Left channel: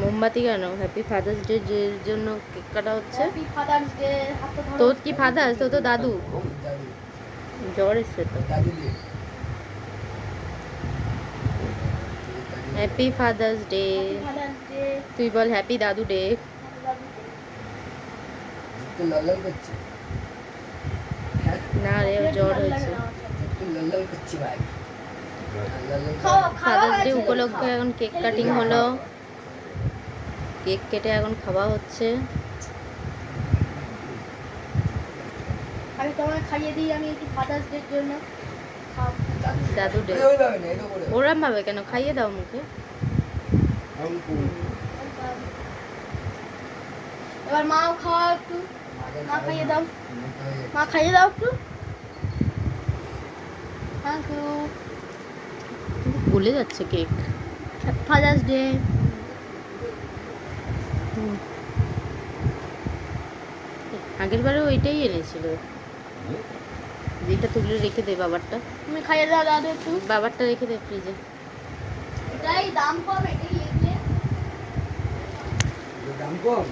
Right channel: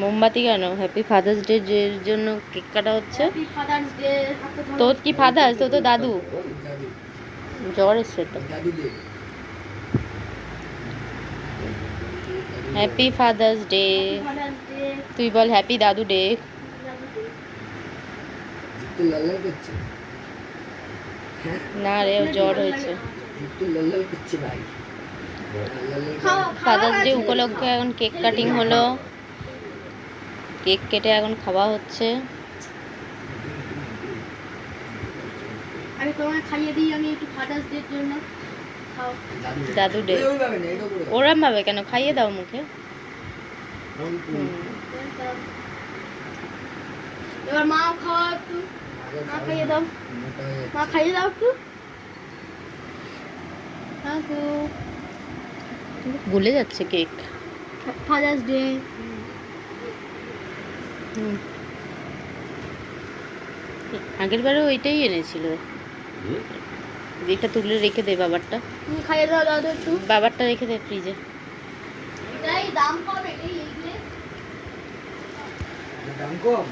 মোমবাতি কেন? Happy father's day এর জন্য কেক কাটা হচ্ছে। Happy father's day. তোর কি ফাদার্স? তো দাদু। দাদু জ্বর এসছে তো। দাদু দে happy father's day. Father's day. তুই বল হ্যাপি দাদু ডে। জিতু লাল করছে। হ্যাঁ না রে, ওর জ্বর হয়েছে। জিতু লাল করছে ভাই। ফাদার্স ডে উপলক্ষে এখন কেক কাটিং হলো। কেক কেটে এখন খাওয়া হচ্ছে। আমি তোমায় খাইয়ে দিই, আমি একটু ফাদার্স ডে জন্য খাও। দাদু ডে। ওইভাবে না, এটা করে ওরম ভাবে কেন? খাইয়ে দাও মুখে। এবার মাও খাওয়া একটু। মা খাইয়ে দাও, মা খাইয়ে দাও একটু। ভুলে যাচ্ছে কেক। Father's day. আগের বারেও ওইটাই এনেছিল। এটা তুলে রেখে দে বাবারটা। তুমি খাইয়ে দাও দাদু একটু। বাবারটা রেখে দে ফ্রিজে। এটাই দাম কম, এটাই এগুলো দাম কম।